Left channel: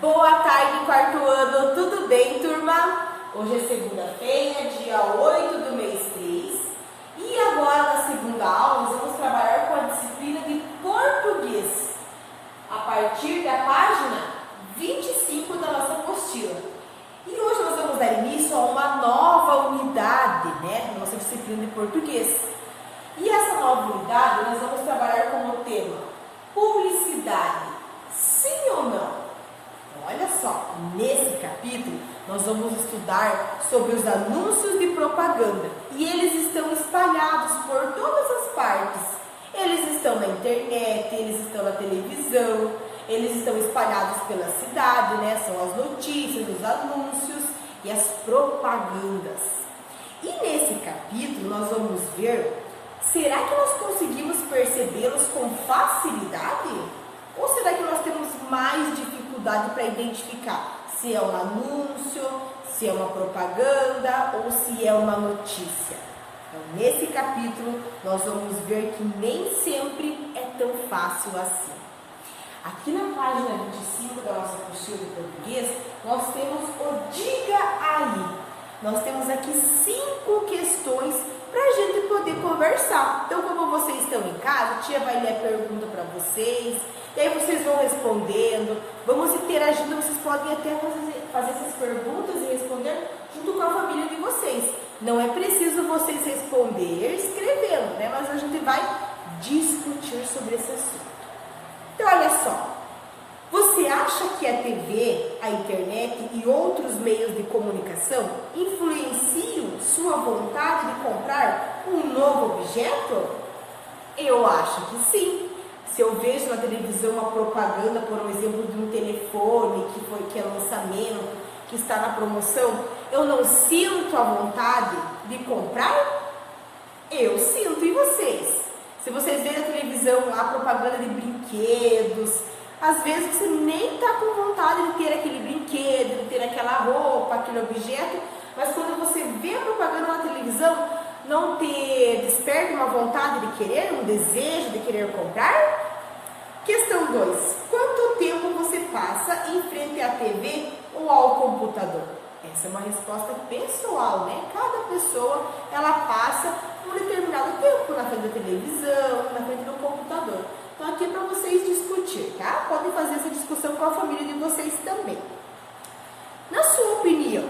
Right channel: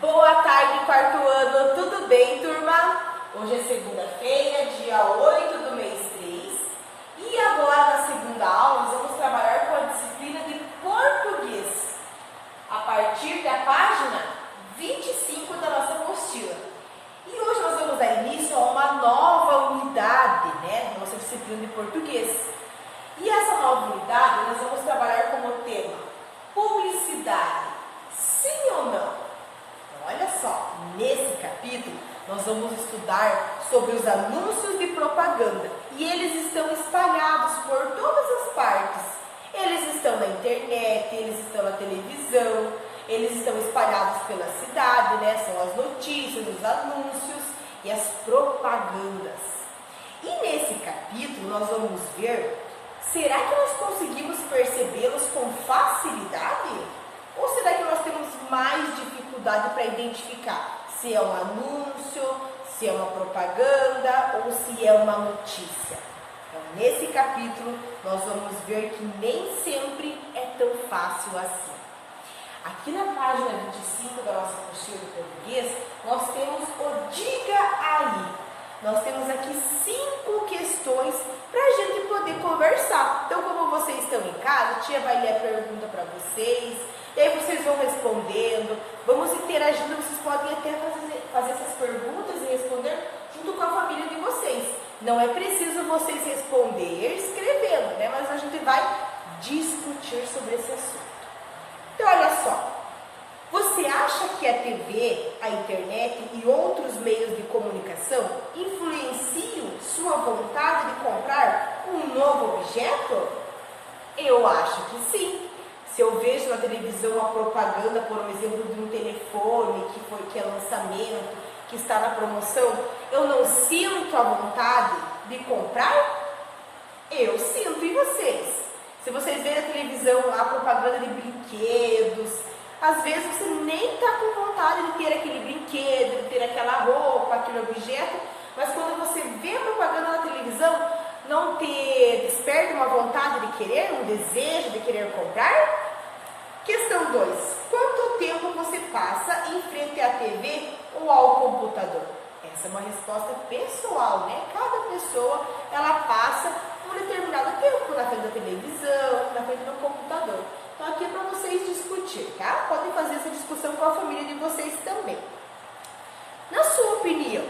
Boa tarde, quarto ano, tudo bem, turma? Hoje é segunda-feira, dia 8 do mês 3. E agora, na segunda aula, nós vamos trabalhar com a disciplina de português, a partir da página 25 da nossa apostila. E hoje nós vamos dar início a uma nova unidade, da nossa disciplina de português. E essa nova unidade, nós vamos trabalhar como tema publicidade, sim ou não? Olha só, nesse capítulo nós vamos estudar sobre os anúncios de propaganda e eles estão espalhados por todas as partes. Eles estão na internet, eles estão na televisão, eles estão espalhados pela cidade, São as notícias, os anúncios e as propagandas. E nesse capítulo nós vamos ver, será que nós conseguimos percebê-los com facilidade? Ou será que nós temos mais dificuldade para identificar se é um anúncio, se é uma propaganda ou se é uma notícia? Então, nesse capítulo, nós vamos ver que nem sempre é tão fácil assim. Aqui na página 25 da nossa apostila de português, nós temos o Diga Aí. Nós temos aqui 5 questões para a gente poder conversar. Então, como vocês estão em casa, a tia vai ler a pergunta para vocês, e aí vocês vão respondendo, vamos interagindo, vocês podem até fazer essas perguntas e responder junto com a família de vocês. Não é preciso vocês responder escrevendo, mas a gente vai discutir sobre esse assunto. Então, olha só, você acha que a TV, a internet e outros meios de comunicação influenciam sua vontade de comprar um novo objeto? Eu acho que sim. Se eu vejo na televisão uma propaganda, por exemplo, de um telefone que é lançamento, que está na promoção, eu não sinto a vontade de comprar? Eu sinto, e vocês? Se vocês veem na televisão a propaganda de brinquedos, às vezes você nem está com vontade de ter aquele brinquedo, de ter aquela roupa, aquele objeto, mas quando você vê a propaganda na televisão, não te desperta uma vontade de querer, um desejo de querer comprar? Questão 2. Quanto tempo você passa em frente à TV ou ao computador? Essa é uma resposta pessoal, Cada pessoa, ela passa um determinado tempo na frente da televisão, na frente do computador. Então, aqui é para vocês discutir, tá? Podem fazer essa discussão com a família de vocês também. Na sua opinião,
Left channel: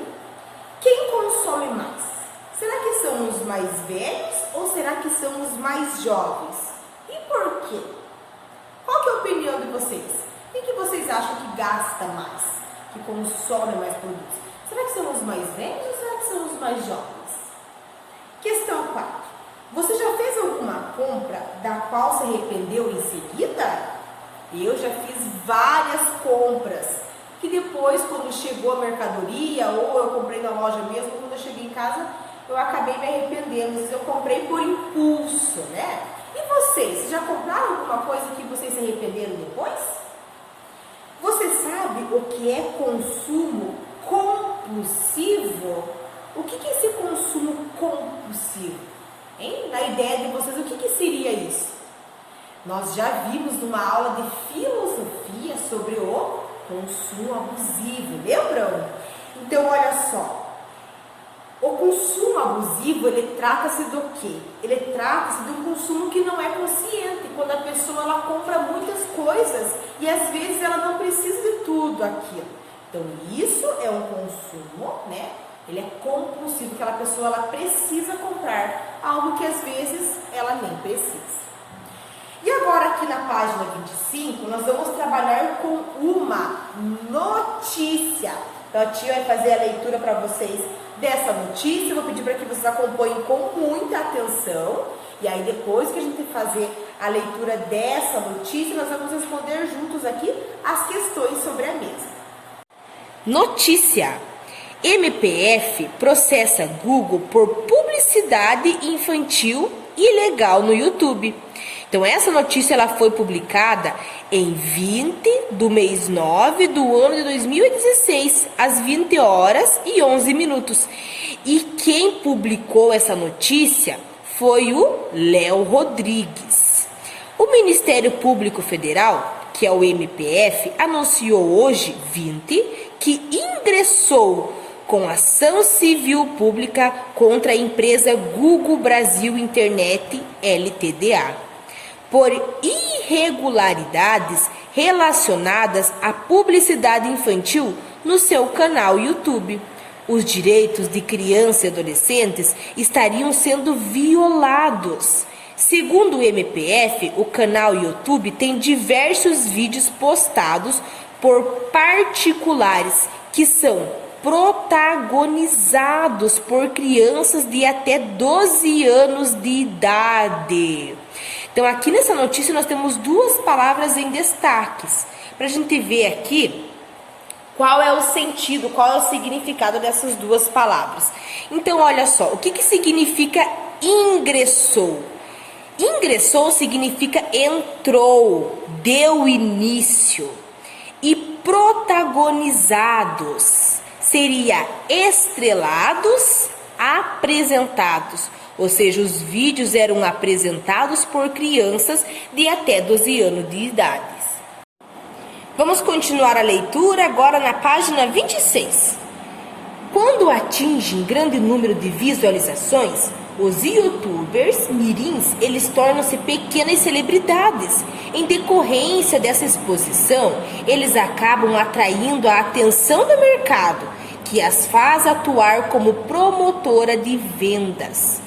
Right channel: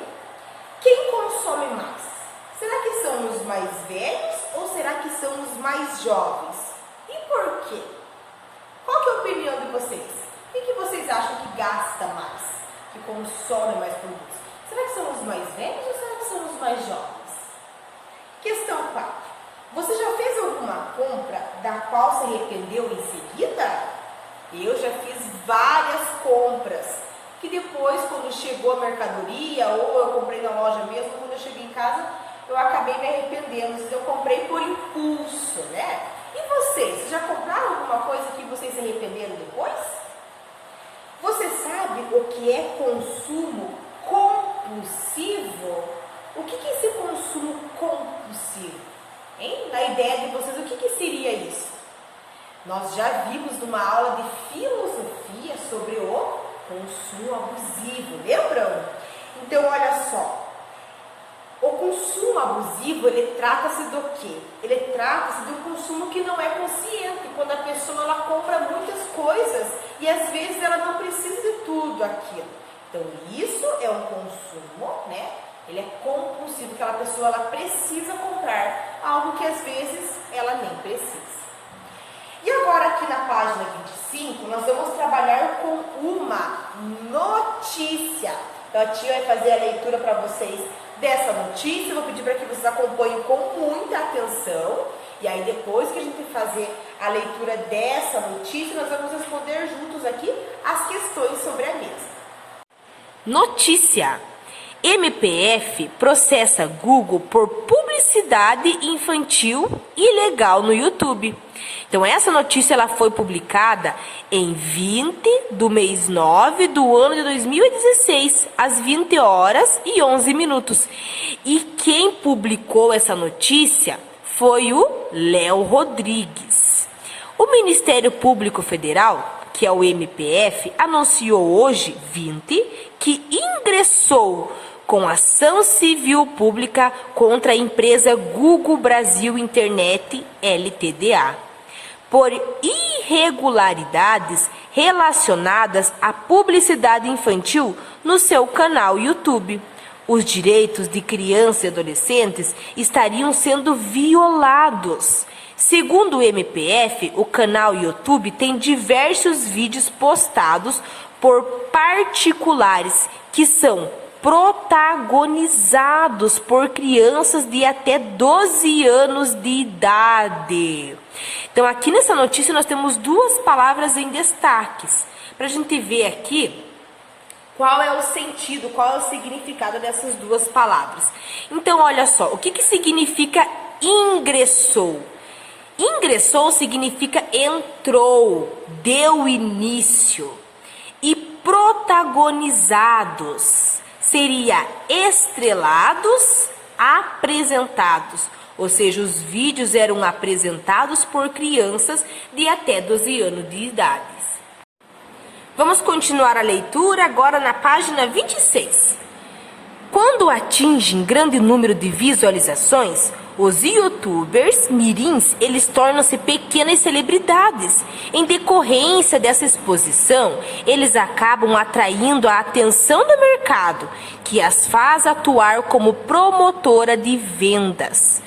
quem consome mais? Será que são os mais velhos ou será que são os mais jovens? E por quê? Qual que é a opinião de vocês? Quem que vocês acham que gasta mais, que consome mais produtos? Será que são os mais velhos ou será que são os mais jovens? Questão 4. Você já fez alguma compra da qual se arrependeu em seguida? Eu já fiz várias compras que depois, quando chegou a mercadoria ou eu comprei na loja mesmo, quando eu cheguei em casa, eu acabei me arrependendo. Eu comprei por impulso, E vocês já compraram alguma coisa que vocês se arrependeram depois? Você sabe o que é consumo compulsivo? O que é esse consumo compulsivo? Na ideia de vocês, o que seria isso? Nós já vimos numa aula de filosofia sobre o consumo abusivo, lembram? Então, olha só. O consumo abusivo, ele trata-se do quê? Ele trata-se de um consumo que não é consciente, quando a pessoa ela compra muitas coisas e às vezes ela não precisa de tudo aquilo. Então, isso é um consumo, Ele é compulsivo, aquela pessoa ela precisa comprar algo que às vezes ela nem precisa. E agora aqui na página 25, nós vamos trabalhar com uma notícia. Então, a tia vai fazer a leitura para vocês dessa notícia. Eu vou pedir para que vocês acompanhem com muita atenção. E aí, depois que a gente fazer a leitura dessa notícia, nós vamos responder juntos aqui as questões sobre a mesa. Notícia: MPF processa Google por publicidade infantil ilegal no YouTube. Então, essa notícia ela foi publicada em 20 do mês 9 do ano de 2016, às 20 horas e 11 minutos. E quem publicou essa notícia foi o Léo Rodrigues. O Ministério Público Federal, que é o MPF, anunciou hoje, 20, que ingressou com ação civil pública contra a empresa Google Brasil Internet Ltda, por irregularidades relacionadas à publicidade infantil no seu canal YouTube. Os direitos de crianças e adolescentes estariam sendo violados. Segundo o MPF, o canal YouTube tem diversos vídeos postados por particulares que são protagonizados por crianças de até 12 anos de idade. Então, aqui nessa notícia nós temos duas palavras em destaques, para a gente ver aqui qual é o sentido, qual é o significado dessas duas palavras. Então, olha só, o que significa ingressou? Ingressou significa entrou, deu início. E protagonizados seria estrelados, apresentados. Ou seja, os vídeos eram apresentados por crianças de até 12 anos de idade. Vamos continuar a leitura agora na página 26. Quando atingem grande número de visualizações, os youtubers mirins, eles tornam-se pequenas celebridades. Em decorrência dessa exposição, eles acabam atraindo a atenção do mercado, que as faz atuar como promotora de vendas,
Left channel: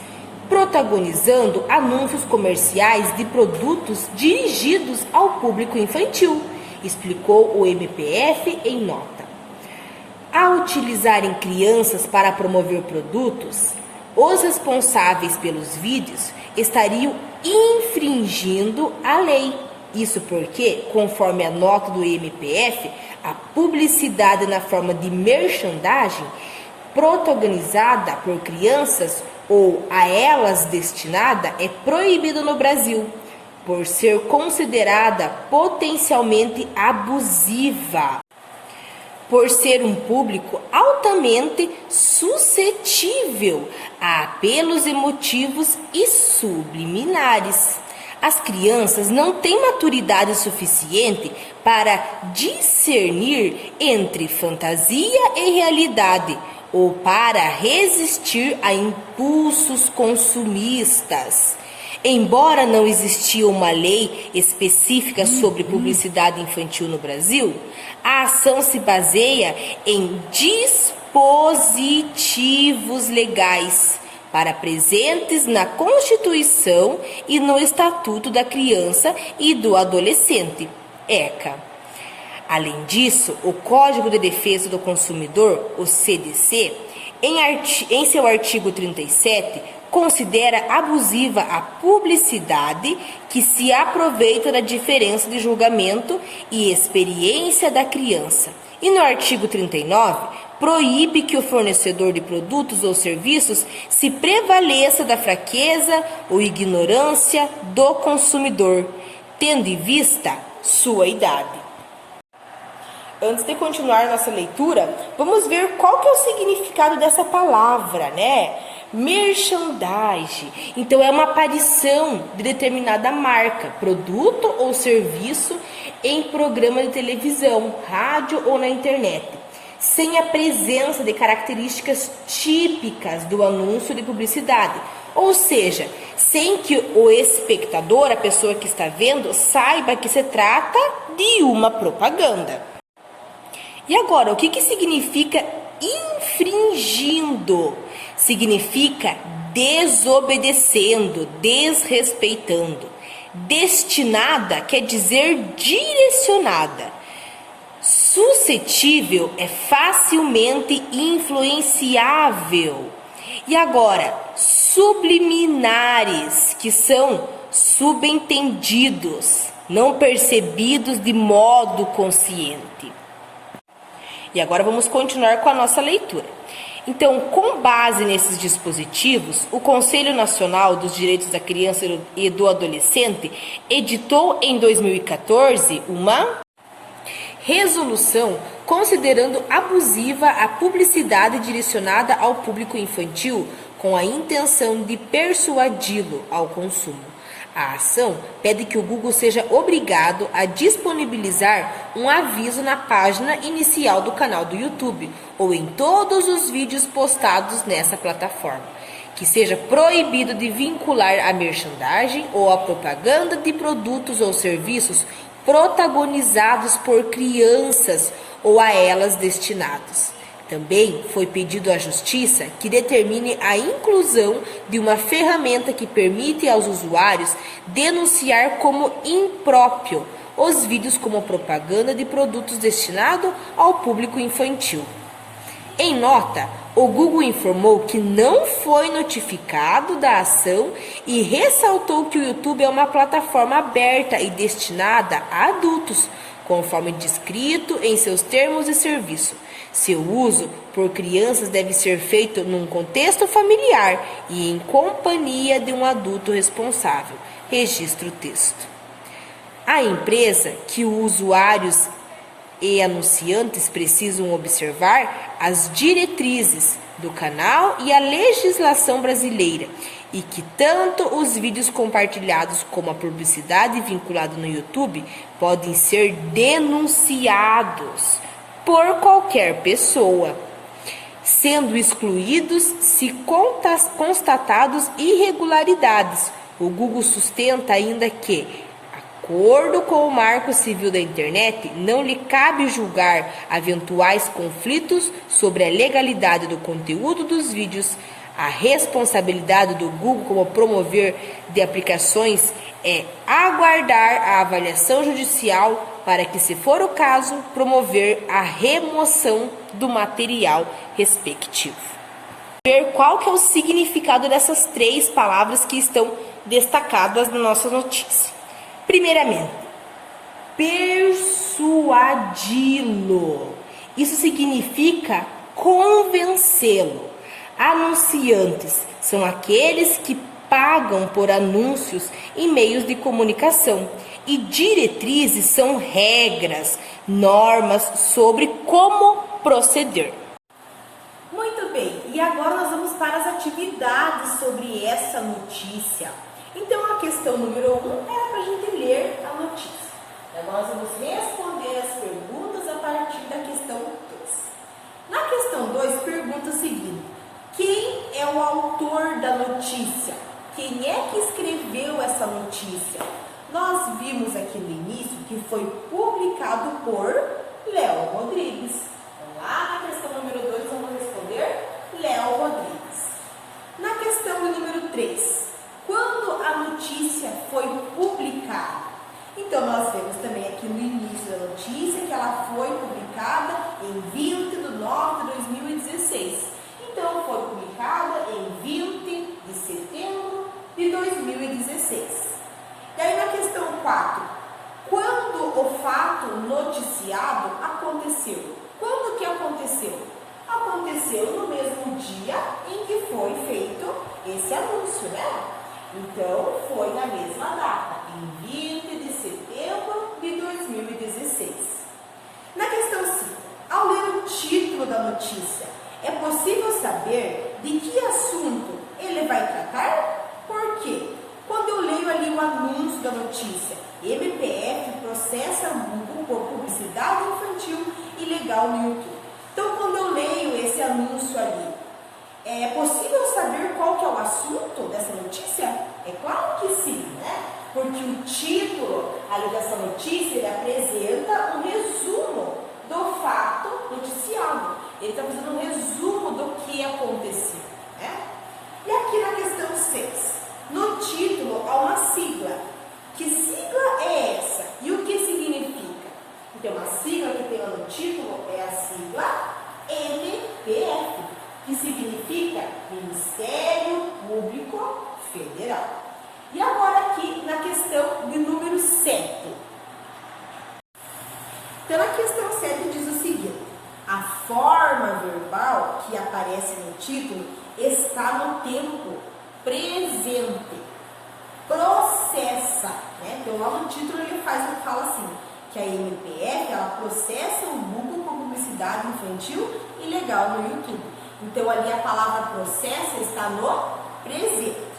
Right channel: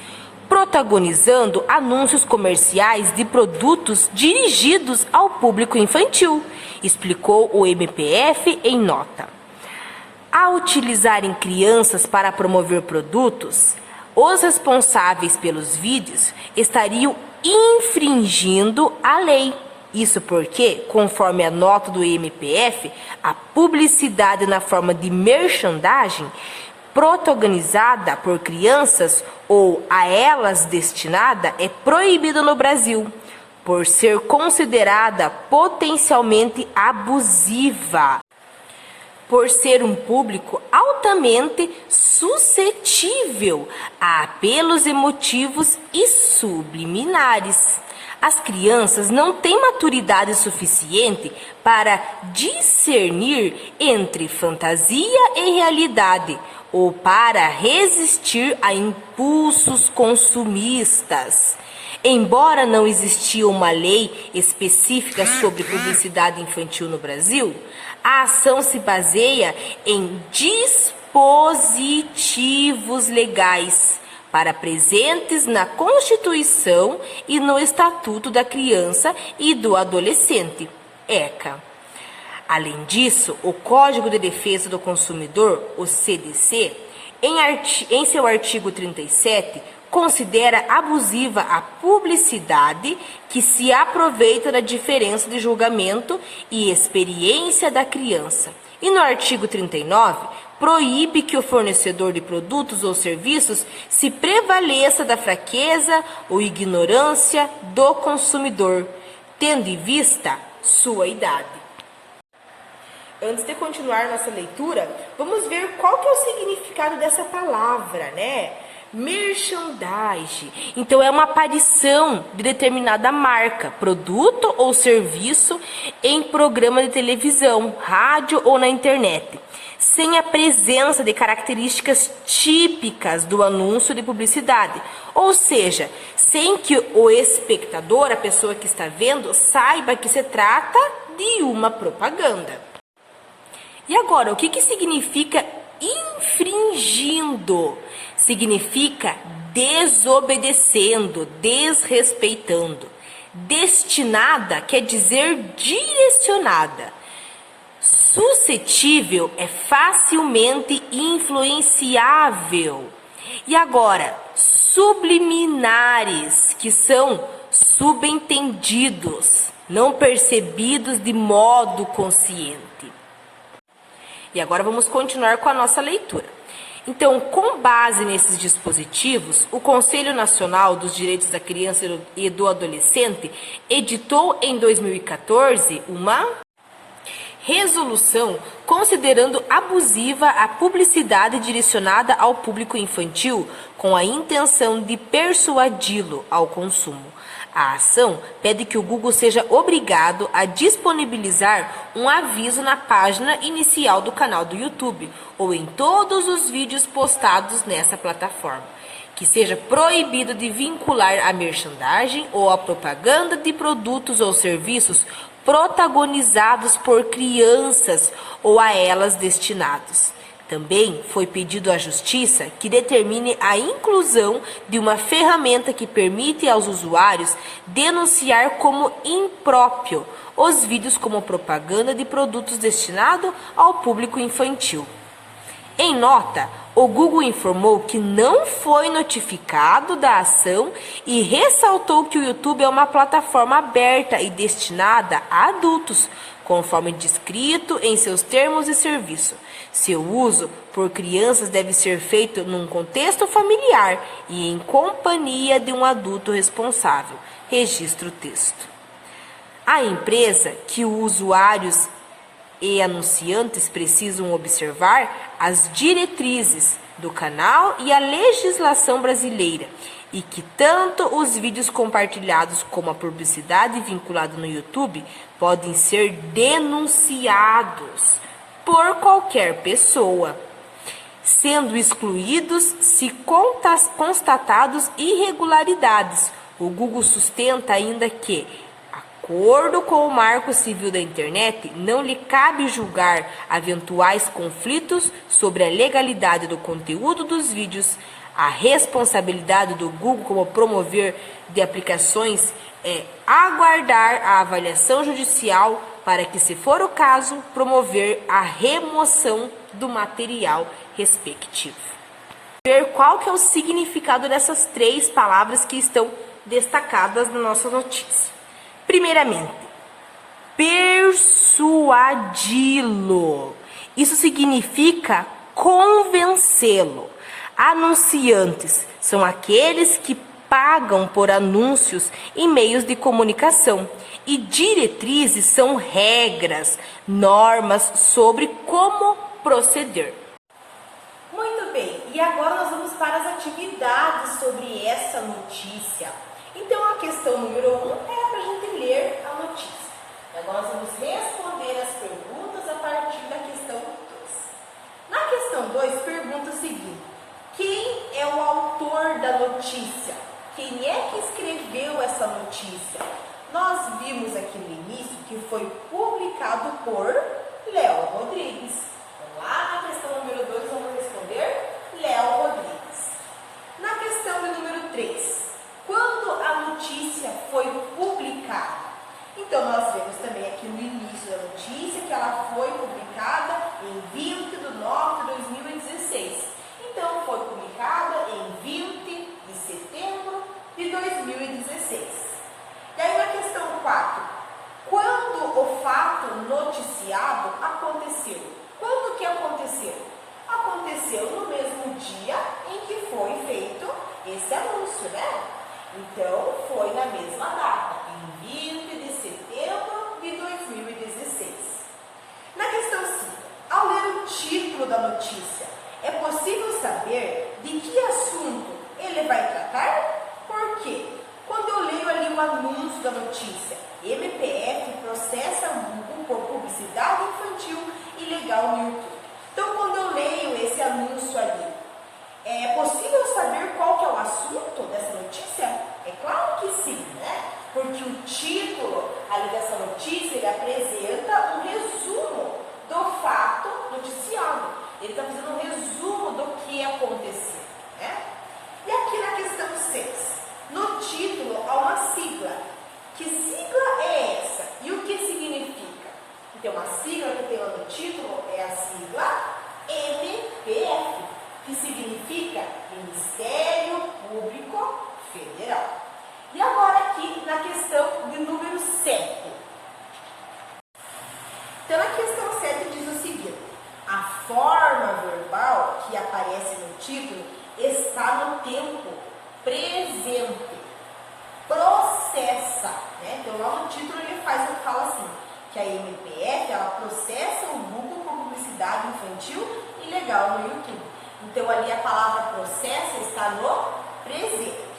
protagonizando anúncios comerciais de produtos dirigidos ao público infantil, explicou o MPF em nota. Ao utilizarem crianças para promover produtos, os responsáveis pelos vídeos estariam infringindo a lei. Isso porque, conforme a nota do MPF, a publicidade na forma de merchandising protagonizada por crianças ou a elas destinada é proibida no Brasil, por ser considerada potencialmente abusiva, por ser um público altamente suscetível a apelos emotivos e subliminares. As crianças não têm maturidade suficiente para discernir entre fantasia e realidade ou para resistir a impulsos consumistas. Embora não existia uma lei específica sobre publicidade infantil no Brasil, a ação se baseia em dispositivos legais para presentes na Constituição e no Estatuto da Criança e do Adolescente, ECA. Além disso, o Código de Defesa do Consumidor, o CDC, em seu artigo 37, considera abusiva a publicidade que se aproveita da diferença de julgamento e experiência da criança. E no artigo 39, proíbe que o fornecedor de produtos ou serviços se prevaleça da fraqueza ou ignorância do consumidor, tendo em vista sua idade. Antes de continuar nossa leitura, vamos ver qual que é o significado dessa palavra, né? Merchandising. Então, é uma aparição de determinada marca, produto ou serviço em programa de televisão, rádio ou na internet, sem a presença de características típicas do anúncio de publicidade. Ou seja, sem que o espectador, a pessoa que está vendo, saiba que se trata de uma propaganda. E agora, o que significa infringindo? Significa desobedecendo, desrespeitando. Destinada quer dizer direcionada. Suscetível é facilmente influenciável. E agora, subliminares, que são subentendidos, não percebidos de modo consciente. E agora vamos continuar com a nossa leitura. Então, com base nesses dispositivos, o Conselho Nacional dos Direitos da Criança e do Adolescente editou em 2014 uma resolução considerando abusiva a publicidade direcionada ao público infantil com a intenção de persuadi-lo ao consumo. A ação pede que o Google seja obrigado a disponibilizar um aviso na página inicial do canal do YouTube ou em todos os vídeos postados nessa plataforma, que seja proibido de vincular a merchandising ou a propaganda de produtos ou serviços protagonizados por crianças ou a elas destinados. Também foi pedido à Justiça que determine a inclusão de uma ferramenta que permite aos usuários denunciar como impróprio os vídeos como propaganda de produtos destinados ao público infantil. Em nota, o Google informou que não foi notificado da ação e ressaltou que o YouTube é uma plataforma aberta e destinada a adultos, conforme descrito em seus termos de serviço. Seu uso por crianças deve ser feito num contexto familiar e em companhia de um adulto responsável. Registra o texto. A empresa que os usuários e anunciantes precisam observar as diretrizes do canal e a legislação brasileira, e que tanto os vídeos compartilhados como a publicidade vinculada no YouTube podem ser denunciados por qualquer pessoa, sendo excluídos se constatados irregularidades. O Google sustenta ainda que, de acordo com o Marco Civil da Internet, não lhe cabe julgar eventuais conflitos sobre a legalidade do conteúdo dos vídeos. A responsabilidade do Google como promover de aplicações é aguardar a avaliação judicial para que, se for o caso, promover a remoção do material respectivo. Ver qual que é o significado dessas 3 palavras que estão destacadas na nossa notícia. Primeiramente, persuadi-lo. Isso significa convencê-lo. Anunciantes são aqueles que pagam por anúncios em meios de comunicação, e diretrizes são regras, normas sobre como proceder. Muito bem, e agora nós vamos para as atividades sobre essa notícia. Então, a questão número 1 era para a gente ler a notícia. E agora nós vamos responder as perguntas a partir da questão 2. Na questão 2, pergunta o seguinte: quem é o autor da notícia? Quem é que escreveu essa notícia? Nós vimos aqui no início que foi publicado por Léo Rodrigues. Então, lá na questão número 2, vamos responder Léo Rodrigues. Na questão de número 3, quando a notícia foi publicada? Então, nós vemos também aqui no início da notícia que ela foi publicada em 20 de nove de 2016. Então, foi publicada em 20 de setembro de 2016. E aí, na questão 4, quando o fato noticiado aconteceu? Quando que aconteceu? Aconteceu no mesmo dia em que foi feito esse anúncio, né? Então, foi na mesma data, em 20 de setembro de 2016. Na questão 5, ao ler o título da notícia, é possível saber de que assunto ele vai tratar? Por quê? Quando eu leio ali o anúncio da notícia, MPF processa Google por publicidade infantil ilegal no YouTube. Então, quando eu leio esse anúncio ali, é possível saber qual que é o assunto dessa notícia? É claro que sim, né? Porque o título ali dessa notícia, ele apresenta um resumo do fato noticiado. Ele está fazendo um resumo do que aconteceu, né? E aqui na questão 6, no título há uma sigla. Que sigla é essa? E o que significa? Então, a sigla que tem no título é a sigla MPF, que significa Ministério Público Federal. E agora aqui na questão de número 7. Então, na questão 7 diz o seguinte: a forma verbal que aparece no título está no tempo presente. Processa, né? Então, lá no título ele fala assim, que a MPF, ela processa o Google por publicidade infantil ilegal no YouTube. Então, ali a palavra processa está no presente.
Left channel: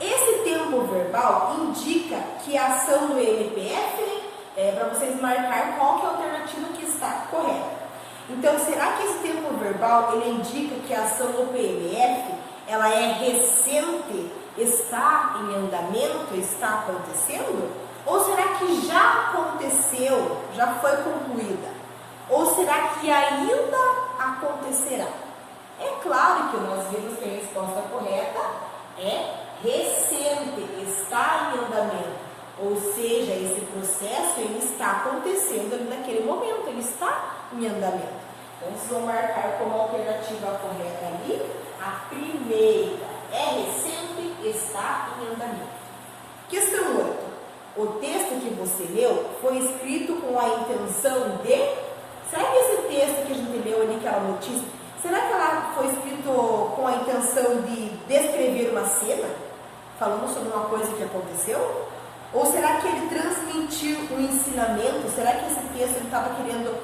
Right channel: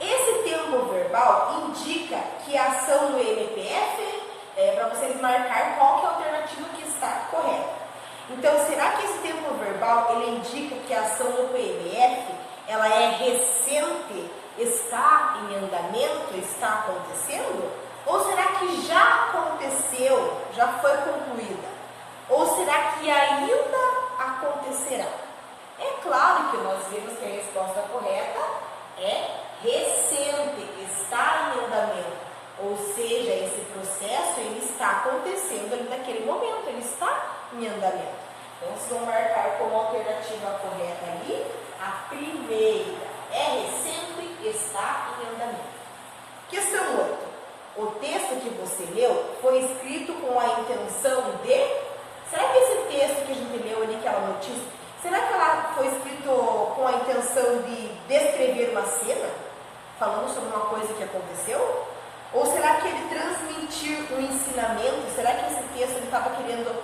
Esse tempo tempo verbal indica que a ação do MPF é para vocês marcar qual que é a alternativa que está correta. Então, será que esse tempo verbal ele indica que a ação do PMF ela é recente, está em andamento, está acontecendo? Ou será que já aconteceu, já foi concluída? Ou será que ainda acontecerá? É claro que nós vemos que a resposta correta é recente, está em andamento. Ou seja, esse processo ele está acontecendo ali naquele momento, ele está em andamento. Então, vocês vão marcar como alternativa correta ali a primeira. É recente, está em andamento. Questão 8. O texto que você leu foi escrito com a intenção de... Será que esse texto que a gente leu ali, aquela notícia, será que ela foi escrito com a intenção de descrever uma cena? Falando sobre uma coisa que aconteceu? Ou será que ele transmitiu um ensinamento? Será que esse texto ele estava querendo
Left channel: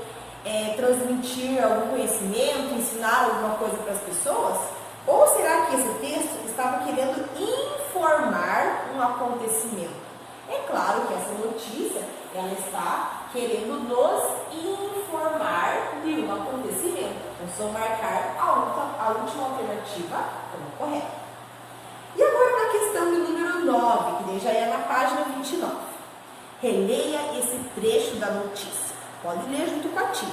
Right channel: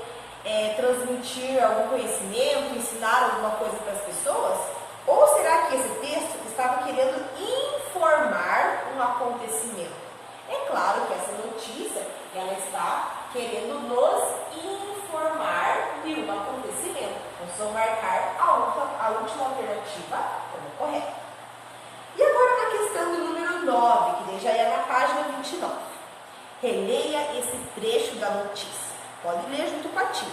transmitir algum conhecimento, ensinar alguma coisa para as pessoas? Ou será que esse texto estava querendo informar um acontecimento? É claro que essa notícia ela está querendo nos informar de um acontecimento. Então, vou marcar a última alternativa como correta. E agora na questão do número 9, que daí já é na página 29. Releia esse trecho da notícia. Pode ler junto com a tia.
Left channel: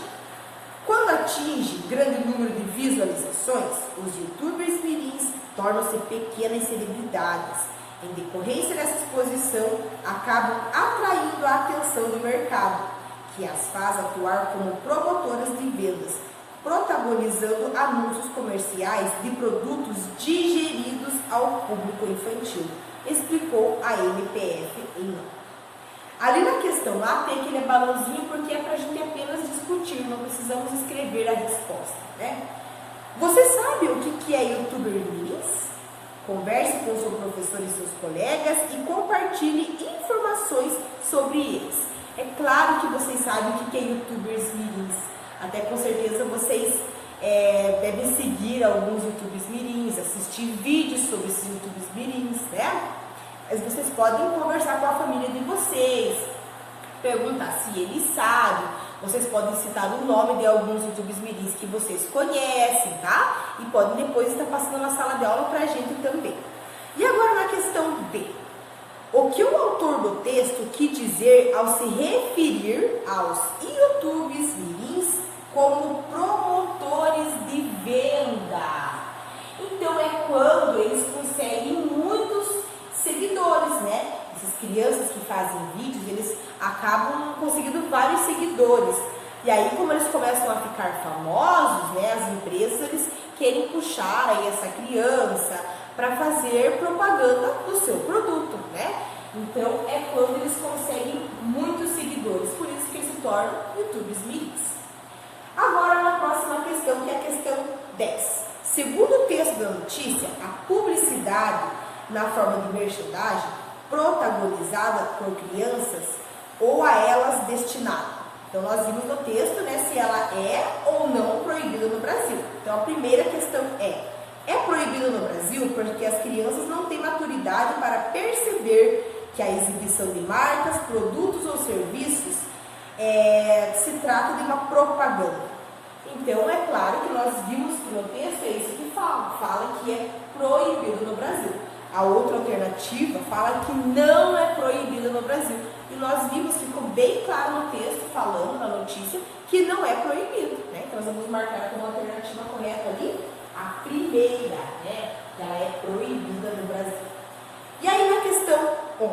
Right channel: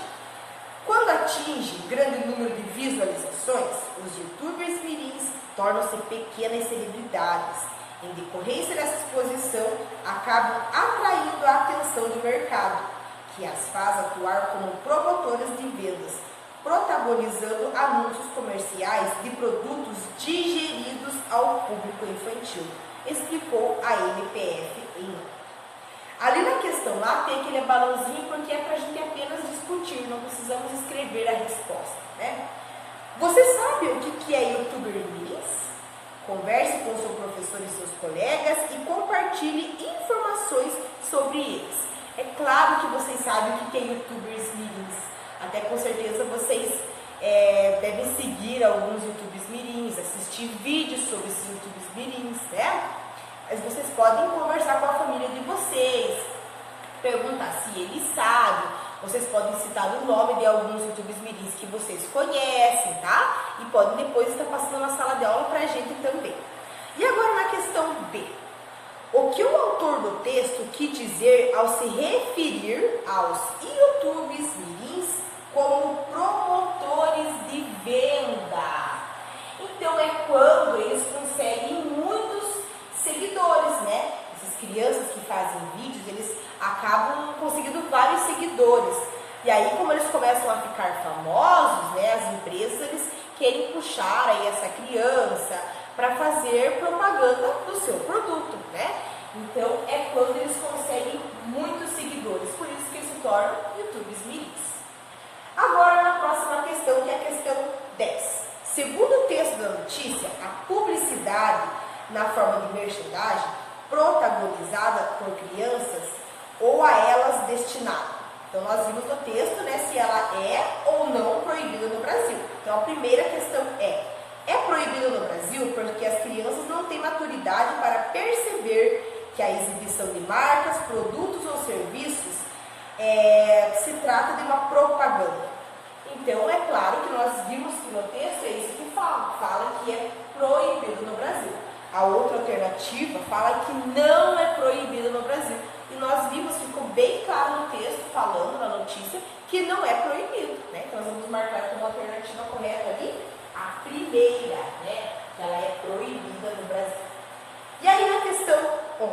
Quando atinge grande número de visualizações, os youtubers mirins tornam-se pequenas celebridades. Em decorrência dessa exposição, acabam atraindo a atenção do mercado, que as faz atuar como promotoras de vendas, protagonizando anúncios comerciais de produtos digeridos ao público infantil, explicou a MPF em nota. Ali na questão A tem aquele balãozinho porque é para a gente apenas discutir, não precisamos escrever a resposta, né? Você sabe o que é youtuber mirins? Converse com seu professor e seus colegas e compartilhe informações sobre eles. É claro que vocês sabem o que é youtubers mirins. Até com certeza vocês devem seguir alguns youtubers mirins, assistir vídeos sobre esses youtubers mirins, né? Mas vocês podem conversar com a família de vocês, perguntar se eles sabem. Vocês podem citar o nome de alguns youtubers mirins que vocês conhecem, tá? E podem depois estar passando na sala de aula pra gente também. E agora na questão B. O que o autor do texto quis dizer ao se referir aos youtubers mirins como promotores de venda? Então é quando eles conseguem muitos seguidores, né? Essas crianças que fazem vídeos, eles acabam conseguindo vários seguidores. E aí, como eles começam a ficar famosos, né? As empresas, eles querem puxar aí essa criança para fazer propaganda do seu produto, né? Então, é quando eles conseguem muitos seguidores, por isso que eles se tornam youtubers mirins. Agora, na próxima questão, que é a questão 10. Segundo o texto da notícia, a publicidade na forma de merchandising protagonizada por crianças ou a elas destinada. Então, nós vimos no texto, né, se ela é ou não proibida no Brasil. Então, a primeira questão é proibida no Brasil porque as crianças não têm maturidade para perceber que a exibição de marcas, produtos ou serviços se trata de uma propaganda. Então, é claro que nós vimos que no texto é isso que fala que é proibido no Brasil. A outra alternativa fala que não é proibido no Brasil. E nós vimos, ficou bem claro no texto, falando na notícia, que não é proibido, né? Então, nós vamos marcar como alternativa correta ali a primeira, né? Que ela é proibida no Brasil. E aí, na questão 11,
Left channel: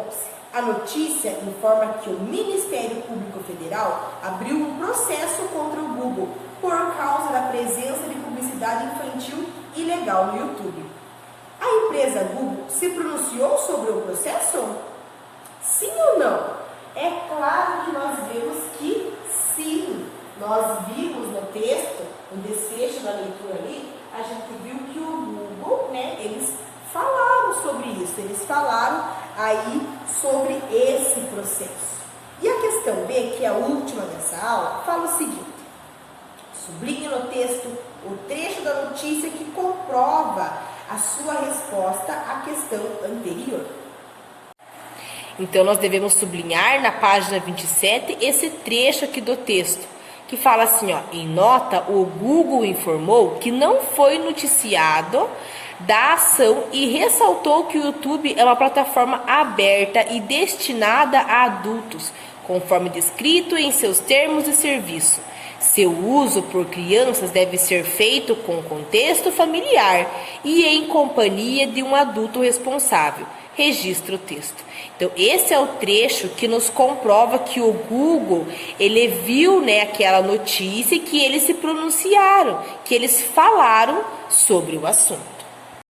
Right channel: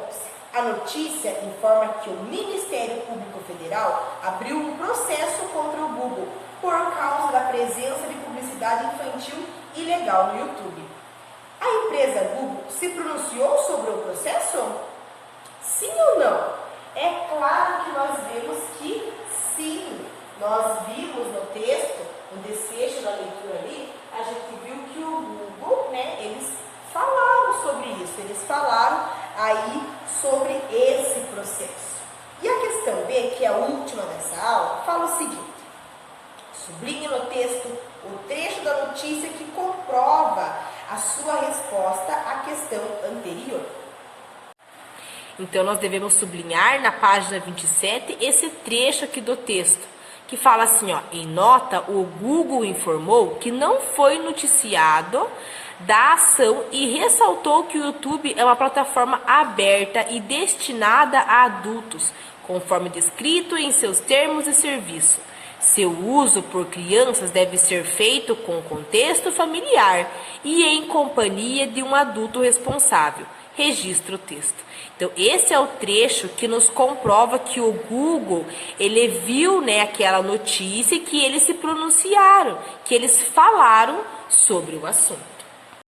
a notícia informa que o Ministério Público Federal abriu um processo contra o Google por causa da presença de publicidade infantil ilegal no YouTube. A empresa Google se pronunciou sobre o processo? Sim ou não? É claro que nós vemos que sim. Nós vimos no texto, no desfecho da leitura ali, a gente viu que o Google, né, eles falaram sobre isso. Eles falaram aí sobre esse processo. E a questão B, que é a última dessa aula, fala o seguinte. Sublinhe no texto o trecho da notícia que comprova a sua resposta à questão anterior. Então, nós devemos sublinhar na página 27 esse trecho aqui do texto, que fala assim, ó, em nota, o Google informou que não foi noticiado da ação e ressaltou que o YouTube é uma plataforma aberta e destinada a adultos, conforme descrito em seus termos de serviço. Seu uso por crianças deve ser feito com contexto familiar e em companhia de um adulto responsável. Registra o texto. Então, esse é o trecho que nos comprova que o Google, ele viu, né, aquela notícia e que eles se pronunciaram, que eles falaram sobre o assunto.